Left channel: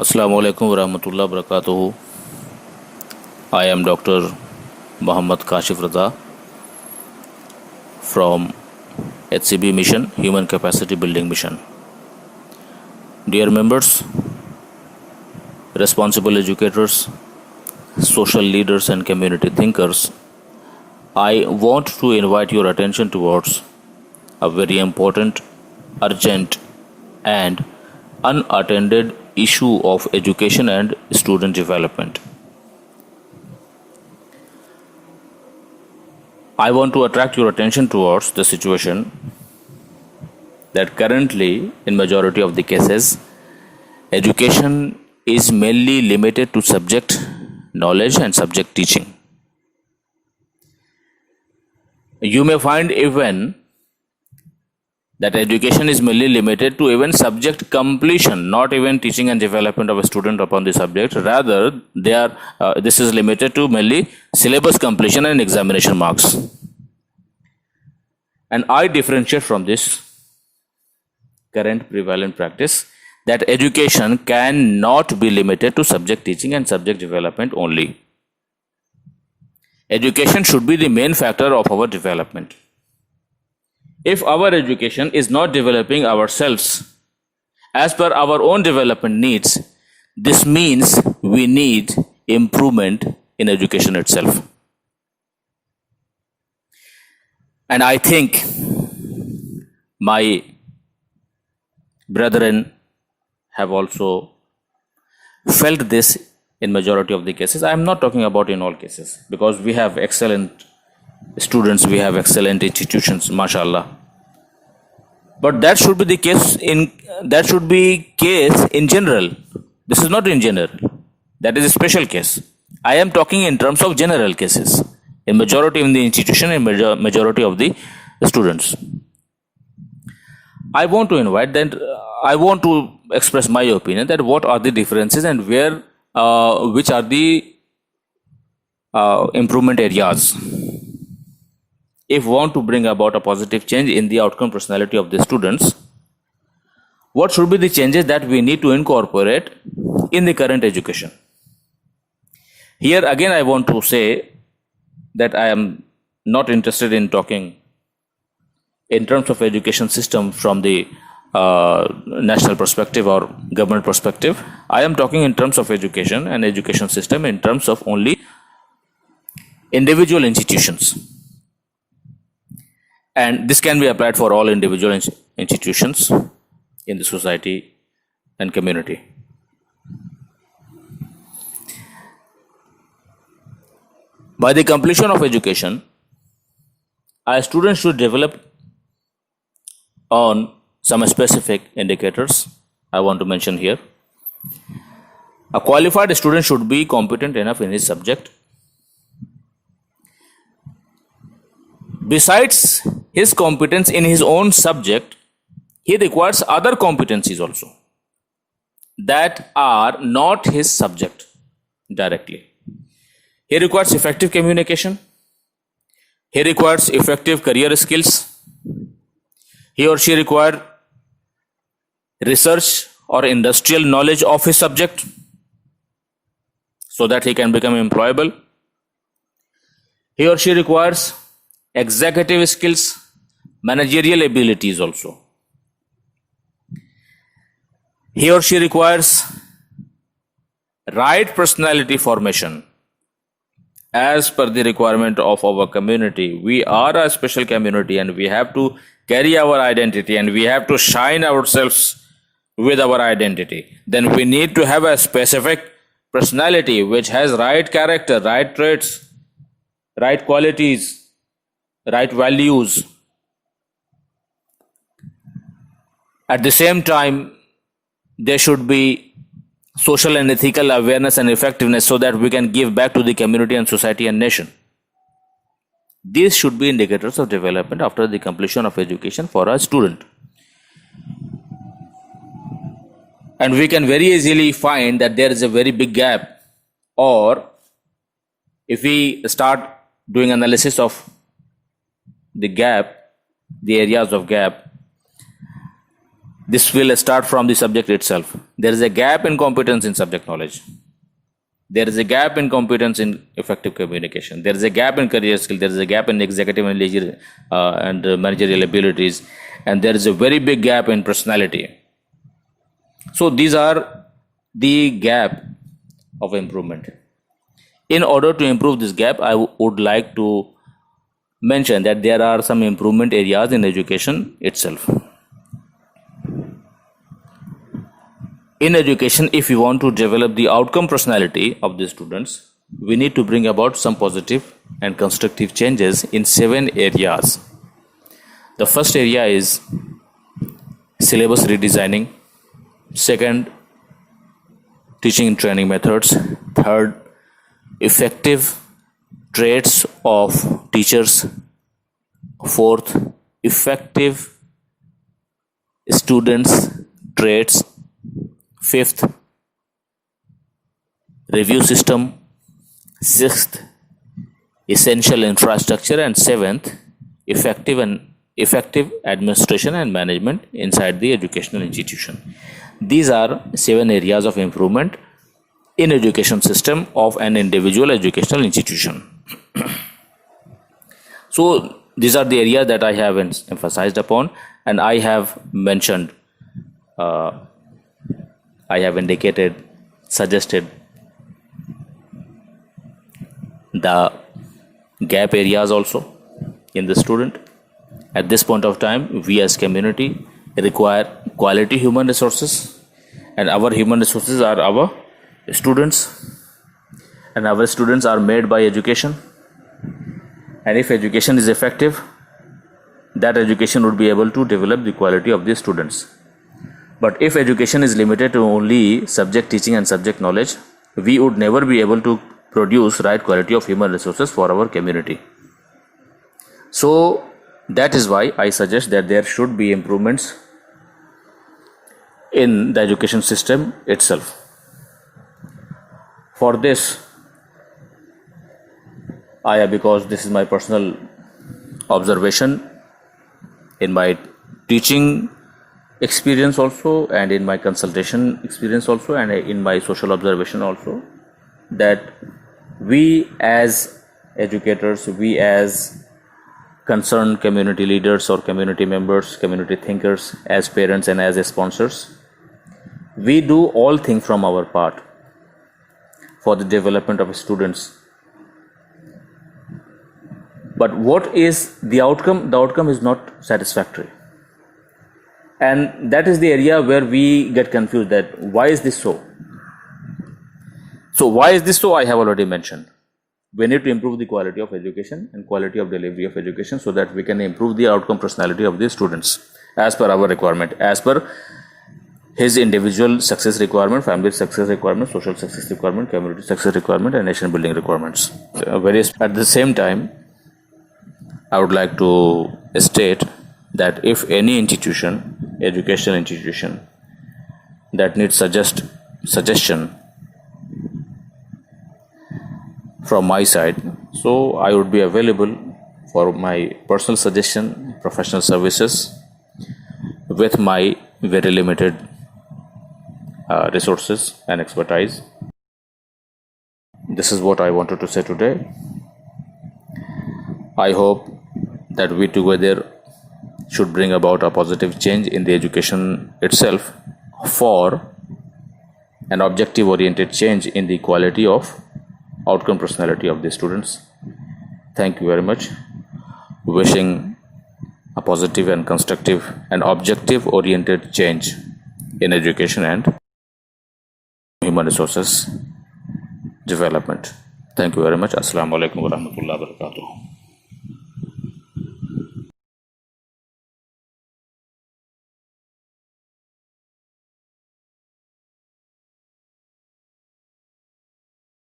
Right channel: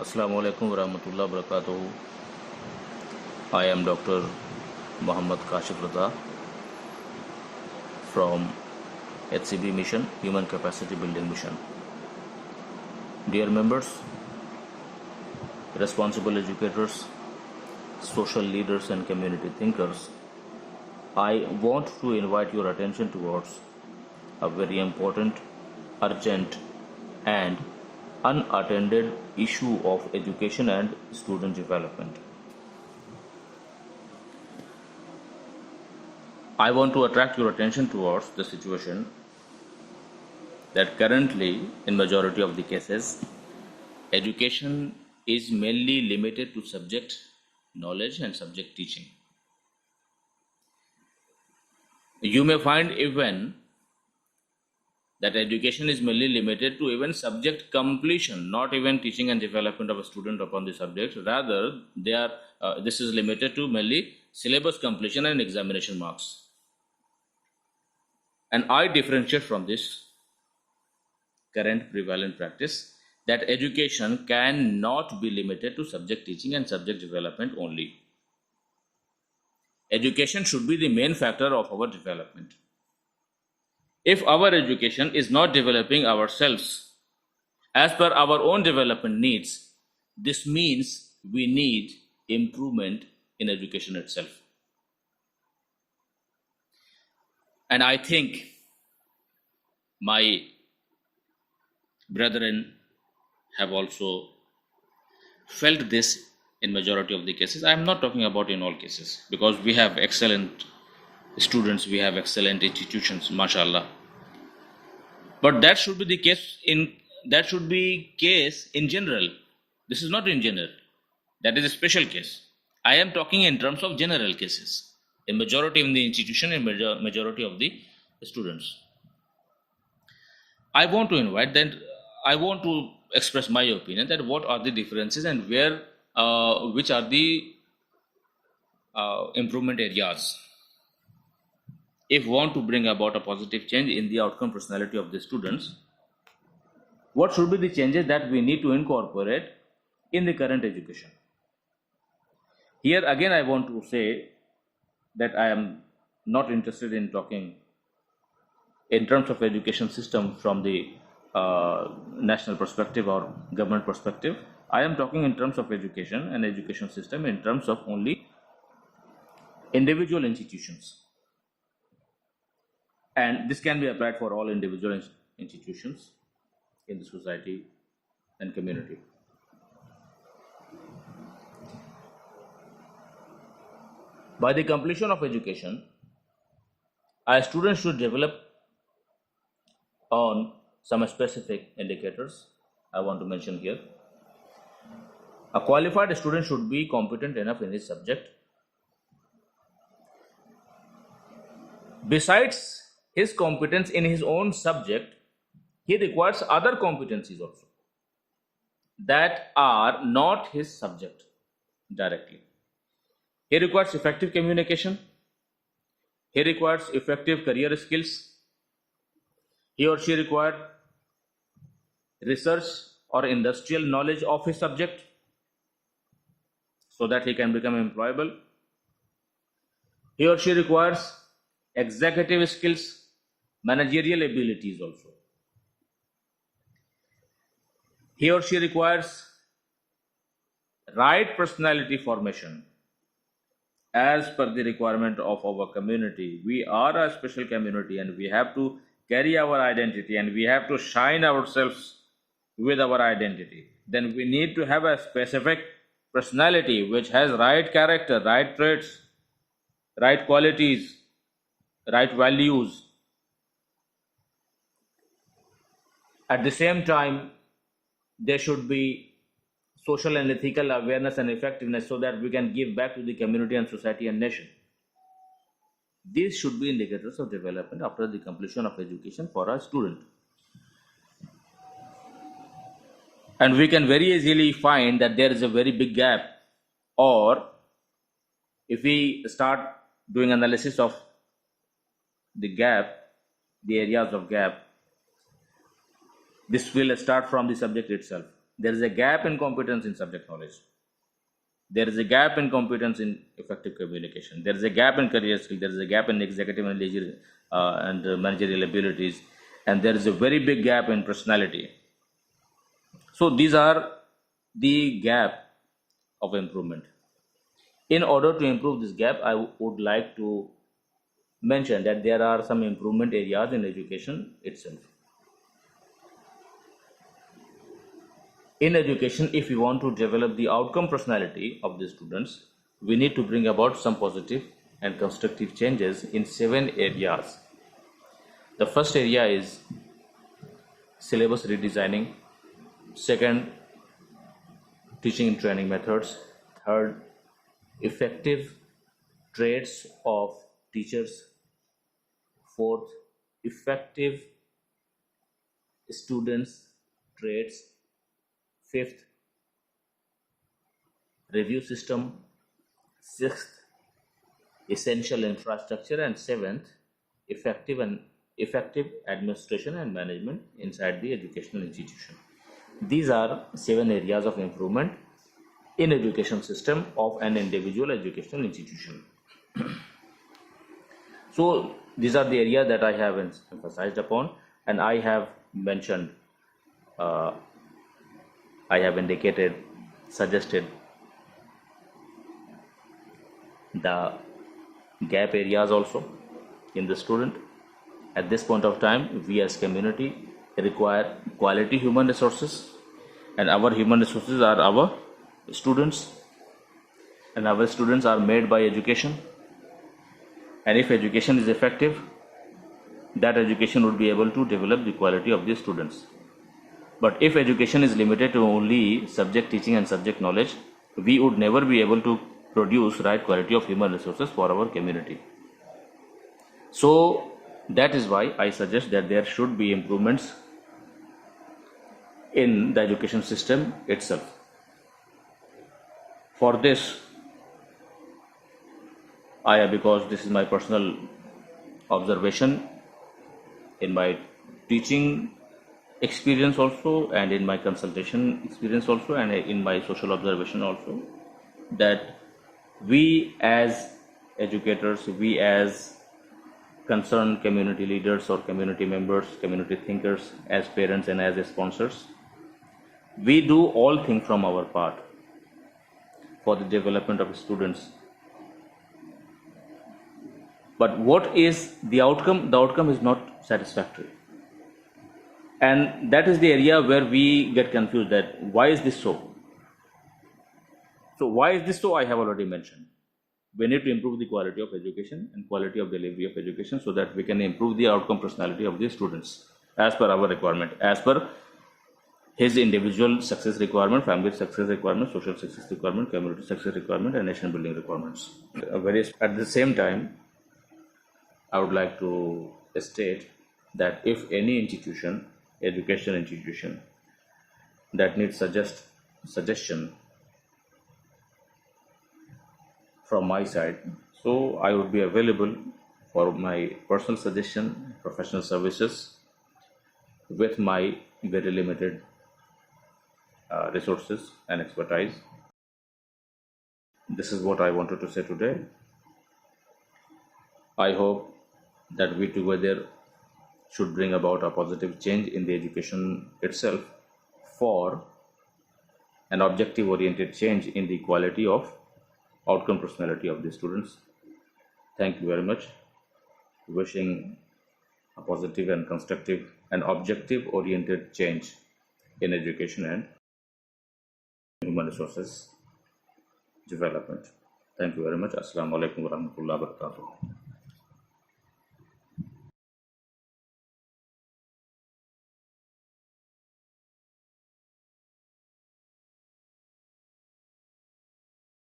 Assalamu alaikum warahmatullahi wabarakatuh. I am Dr. Muhammad Kashif Raza from HCB Mission, Human Capacity Building Mission. Dear members, responsible educators, social leaders and community thinkers, I want to invite your attention towards a very important, urgent and unattended issue of education and student development. I want to attract your attention towards the situation that currently, in majority of the cases, education is mainly limited to subject knowledge and subject teaching. You may find even that education is mainly limited to even subject completion, not even teaching and development of a student upon the subject. Rather, this is limited to mainly syllabus completion and examination marks. And I differentiate from this current prevalent practice that education cannot be limited to subject teaching and subject development only. Education should be the main factor of our development. If our education is not developing ourselves as per our own development needs, this means we need improvement in education itself. And I think my brethren have also felt this in majority of the cases. I am not talking about in all cases, because we have excellent students, we have excellent institutions, mashallah. But that should be the case in general. This is not in general. That is a special case. I am talking in terms of general cases. In majority in the institution, in majority of the students. I want to express my opinion that what are the differences and which are the improvement areas. If we want to bring about a positive change in the outcome personality of the students, what should be the changes that we need to incorporate in the current education? Here again, I want to say that I am not interested in talking in terms of education system from the national perspective or government perspective. I am talking in terms of education and education system in terms of only individual institutions. And this can be applied for all individual institutions in the society and community. By the completion of education, a student should develop on some specific indicators I want to mention here. A qualified student should be competent enough in his subject. Besides his competence in his own subject, he requires other competencies also that are not his subject directly. He requires effective communication. He requires effective career skills. He or she requires research or industrial knowledge of his subject so that he can become employable. He or she requires executive skills, managerial abilities also. He or she requires right personality formation as per the requirement of our community. We are a special community and we have to carry our identity and we have to shine ourselves with our identity. Then we need to have a specific personality which has right character, right traits, right qualities, right values. At the same time, there should be social and ethical awareness and effectiveness so that we can give back to the community and society and nation. These should be indicators of development after the completion of education for a student. And we can very easily find that there is a very big gap, or if we start doing analysis of the gap, the areas of gap, This will start from the subject itself. There is a gap in competence in subject knowledge. There is a gap in competence in effective communication. There is a gap in career skill. There is a gap in executive and managerial abilities. And there is a very big gap in personality. So these are the gap of improvement. In order to improve this gap, I would like to mention that there are some improvement areas in education itself. In education, if we want to develop the outcome personality of the students, we need to bring about some positive and constructive changes in 7 areas. The first area is syllabus redesigning. Second, teaching and training methods. Third, effective traits of teachers. Fourth, effective students' traits. Fifth, review system. Sixth, essential infrastructure. And seventh, effective administration and management inside the educational institution. These are 7 areas of improvement in education system of an individual educational institution. So these are the areas that I have emphasized upon, and I have mentioned, I have indicated, suggested the gap areas also in the student. At this point of time, we as community require quality human resources, and our human resources are our students, and our students are made by education. And if education is effective, that education would be able to develop the quality of the students. But if education is limited to only subject teaching and subject knowledge, we would never be able to produce right quality of human resources for our community. So that is why I suggest that there should be improvements in the education system itself. For this, because this is my personal observation in my teaching experience also, and in my consultation experience also, and in my social observation also, that we as educators, we as concerned community leaders or community members, community thinkers, as parents and as sponsors, we do all things from our part for the development of students. But what is the outcome? The outcome is not satisfactory. And that is the area where we get confused, that why is this so? So why is this so? I have already mentioned. We need to improve the quality of education and quality of delivery of education so that we can improve the outcome personality of the students as per our requirement, as per his individual success requirement, family success requirement, social success requirement, community success requirement, and nation building requirements. At the same time, I would like to state that if any institution, educational institution, that needs suggestion from my side, so I would be available for my personal suggestion, professional services with my very limited resources and expertise. This is what I wanted to say today. I hope that we together should bring about a positive change in the education itself for an objective oriented change in the quality of outcome personality of the students. Thank you very much. Wishing a positive and constructive and objective oriented change in education and human resources development. Thank you very much. Assalamu alaikum wa rahmatullahi wa barakatuh.